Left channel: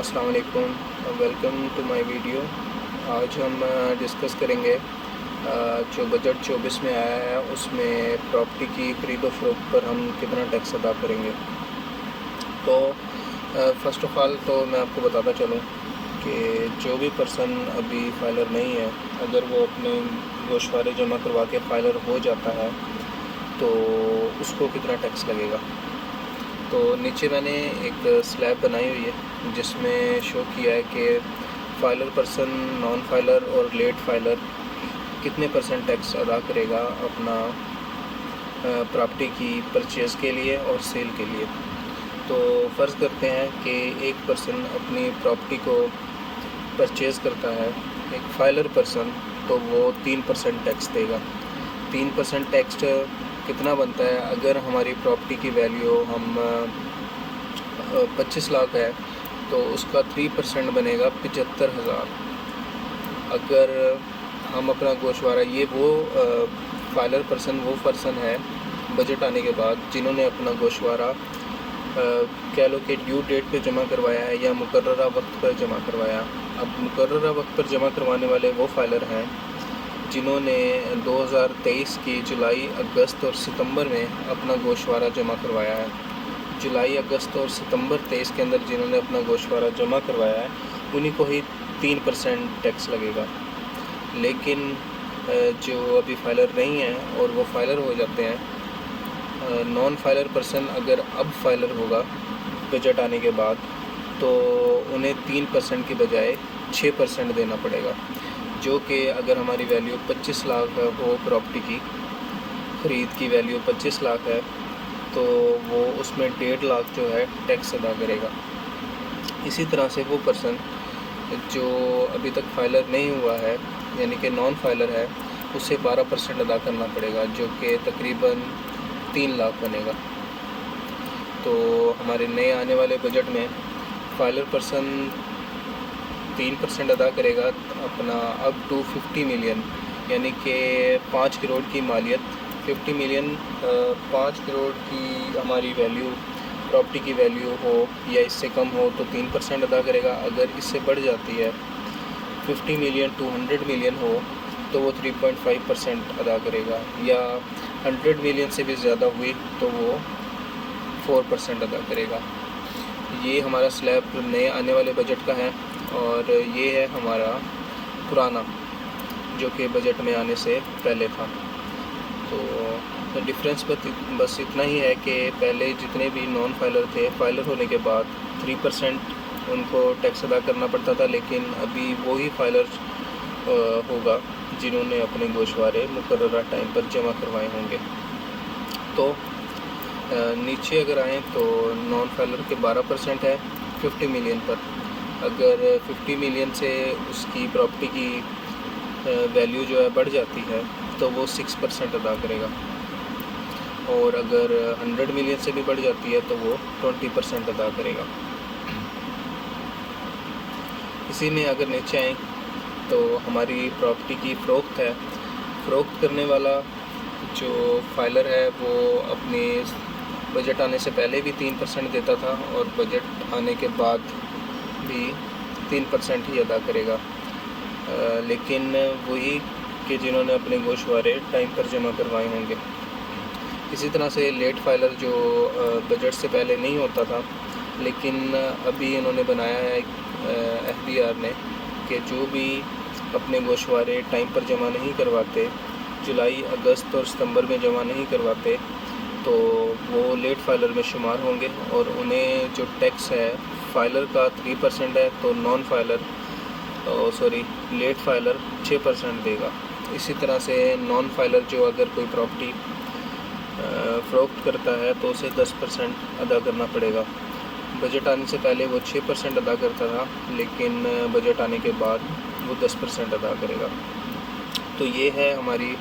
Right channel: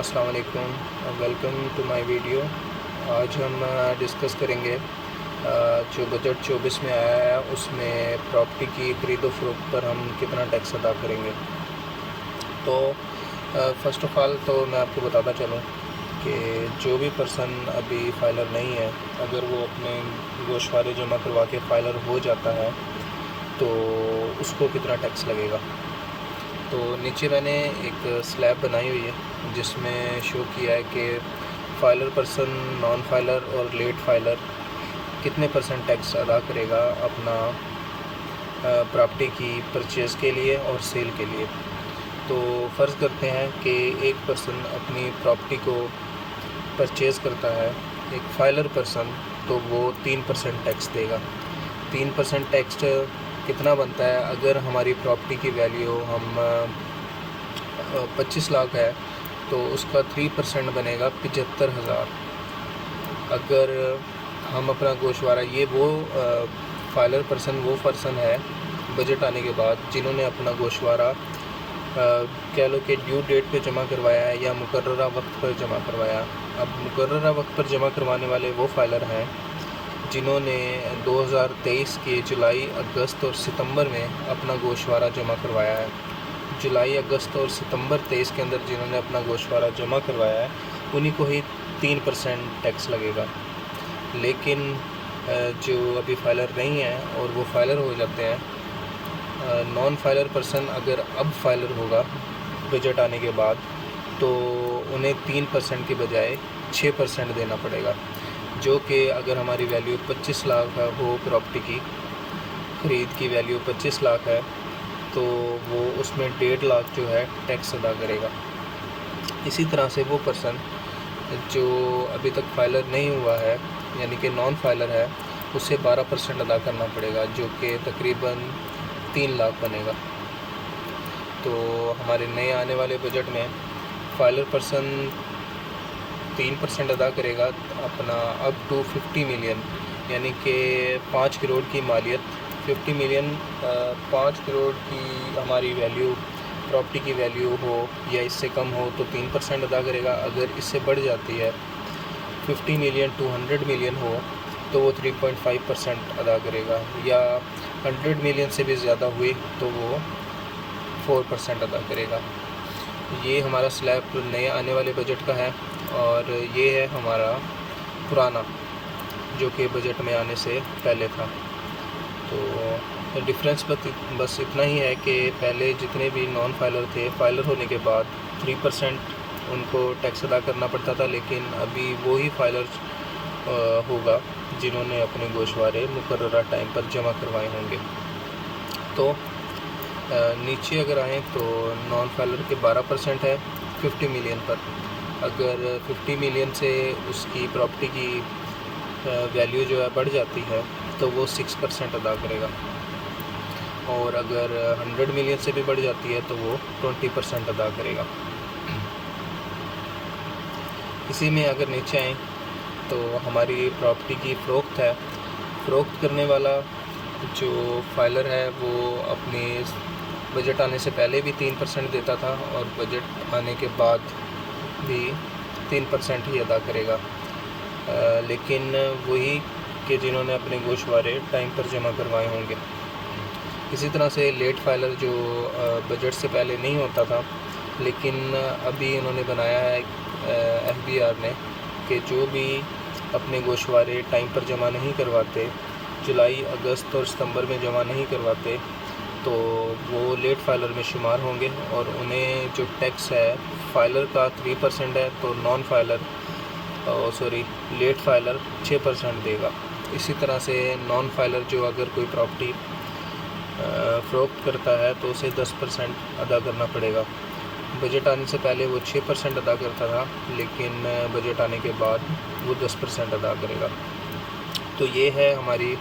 अस्सलाम वालेकुम, welcome to my video. आज हम डिस्कस करेंगे जो बजट 24 में आया है उसमें प्रॉपर्टी की खरीदो फरोख्त पर हम कितना टैक्स अदा करेंगे। तो फ़र्स्ट ऑफ़ ऑल तो मैं आपको बताता चलूँ कि जो भी पर्सन अभी फाइलर नहीं है, अगर वो अपने गोशवारे जमा करवा के फाइलर हो जाता है तो उसको कितना टैक्स लगेगा। तो नीचे मैंने एक स्लैब बनाई हुई है जिसमें शो किया है कि फाइलर पर्सन, नॉन फाइलर और लेट फाइलर कितने % टैक्स अदा करेगा अपना प्रॉपर्टी की परचेज़ के लिए और सेल के लिए। तो फ़र्ज़ करते हैं कि एक पर्सन अपनी प्रॉपर्टी को परचेज़ करता है, एक फाइलर पर्सन, तो वो 3% टैक्स देगा। 3% टैक्स कितना बनता है? अगर हमारी प्रॉपर्टी की वैल्यू हम 25 लाख है तो उसका 3% बनेगा 75,000। अगर हम अपना गोशवारा, ये वो फाइलर पर्सन वो पर्सन है बजट आने के बाद जिन्होंने अपना गोशवारा कह लो कि ड्यू डेट पे जमा करवाया है या मुकर्ररा वक्त पर जमा करवाया। अब मुकर्ररा वक्त पर जमा करवाने वाले वो फाइलर हैं जिन्होंने 2023 के जुलाई, अगस्त और सितंबर में अपना गोशवारा जमा करवाया है। जुलाई, अगस्त और सितंबर 23 के अंदर जिन्होंने अपना गोशवारा जमा करवाया है उन्हीं को ही 3% टैक्स लगेगा। लेकिन जो अभी फाइलर नहीं है और वो फाइलर हो जाते हैं, नॉन फाइलर पर्सन अगर अब फाइलर होगा बजट आने के बाद तो उन्हें 3% की बजाय 6% देना पड़ेगा, जो कि अगर हमारी वैल्यू 25 लाख हो, प्रॉपर्टी की ख़रीद की वैल्यू 25 लाख है तो वो उसमें 1.5 लाख जो है टैक्स अदा करेगा। इसी तरह से वो पर्सन जो अभी तक फाइलर नहीं हुआ है यानी कि नॉन फाइलर है, उसे 12% अदा करना पड़ेगा, जो कि तकरीबन 3 लाख बनेगा। तो हमारे नए आने वाले बजट में फाइलर पर्सन 3% अदा करेगा अपना अप टू 50 मिलियन, यानी कि 5 करोड़ की मालियत। 50 मिलियन 5 करोड़ की हमारी वैल्यू, प्रॉपर्टी की वैल्यू हो या इससे कम हो तो 3% अदा करेगा। अगर इससे बढ़ जाती है 50 मिलियन टू 100 मिलियन हो तो वो 3.5% अदा करेगा, या 100 मिलियन से भी ज़्यादा हुई तो वो 4% अदा करेगा। ये हमारा स्लैब नए आने वाले बजट का है और ये है हमारा पुराना जो कि बजट में आने से पहले था। तो डिफरेंस बस इतना ही है कि पहले जितने भी नॉन फाइलर थे, फाइलर होने के बाद 3% उनको टैक्स अदा करना पड़ता था, लेकिन अभी वही फाइलर होगा जिन्होंने अपने गोशवारे मुकर्ररा टाइम पर जमा करवाए होंगे। तो नीचे अगर आएँ तो नॉन फाइलर के 12% है 50 मिलियन पर। अगर 50 मिलियन से उसकी प्रॉपर्टी की वैल्यू जो है बढ़ जाती है तो वो 6% अदा करेगा, और अगर 100 मिलियन से भी बढ़ जाती है तो वो 20% अदा करेगा। इसी में अगर नीचे आएँ तो हमारी प्रॉपर्टी की फ़रोख्त है। फ़रोख्त करने वाला जो फाइलर है वो अपने बजट आने से पहले भी 3% देता था और बजट आने के बाद भी 3% ही अदा करेगा, लेकिन वही कि जिन्होंने अपने गोशवारे टाइम पर जमा करवाए होंगे। इसी तरह से लेट फाइलर जो बजट से पहले नहीं होता था, लेकिन अभी इन्होंने बनाया है FBR ने कि जो भी अपने गोशवारे टाइम पर जमा नहीं करवाते, जुलाई, अगस्त और सितंबर में जमा नहीं करवाते, तो वो लेट फाइलर में शुमार होंगे और उन्हें जो टैक्स है फाइलर का 3% है तो नॉन फाइलर लेट फाइलर 6% देगा। इसी तरह से नॉन फाइलर जो अगर कोई प्रॉपर्टी फ़रोख्त करता है तो उसे 10% अदा करना पड़ेगा। बजट आने से पहले वो 6% अदा करता था, लेकिन बजट आने के बाद वो 10% अदा करेगा। तो ये है हमारी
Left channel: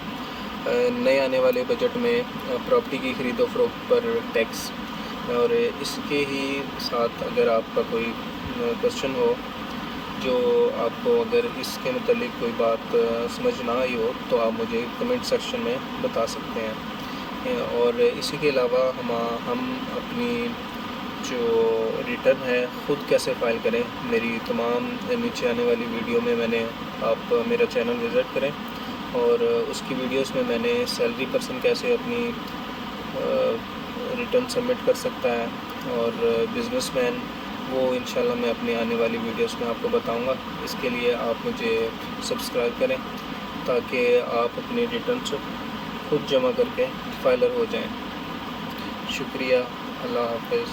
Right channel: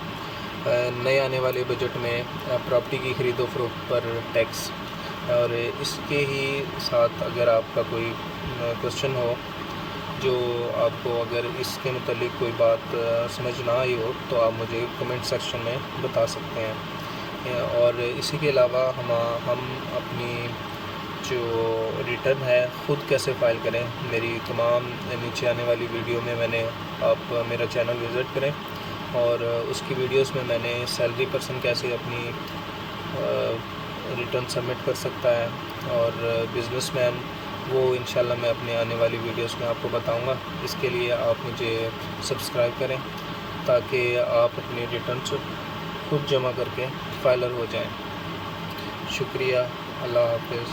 नए आने वाले बजट में प्रॉपर्टी की ख़रीदो फरोख्त पर टैक्स। और इसके ही साथ अगर आपका कोई क्वेश्चन हो, जो आपको अगर इसके मुतालिक कोई बात समझ ना आई हो तो आप मुझे कमेंट सेक्शन में बता सकते हैं। और इसी के अलावा हम अपनी जो रिटर्न है ख़ुद कैसे फ़ाइल करें, मेरी तमाम नीचे आने वाली वीडियो में मैंने, आप मेरा चैनल विज़िट करें और उसकी वीडियोस में मैंने सैलरी पर्सन कैसे अपनी रिटर्न सबमिट कर सकता है और बिज़नेसमैन वो इंशाल्लाह मैं अपने आने वाली वीडियोस में आपको बताऊंगा। इसके लिए आप मुझे सब्सक्राइब करें ताकि आप अपनी रिटर्न्स खुद जमा करके फाइलर हो जाएं। शुक्रिया, अल्लाह हाफ़िज़।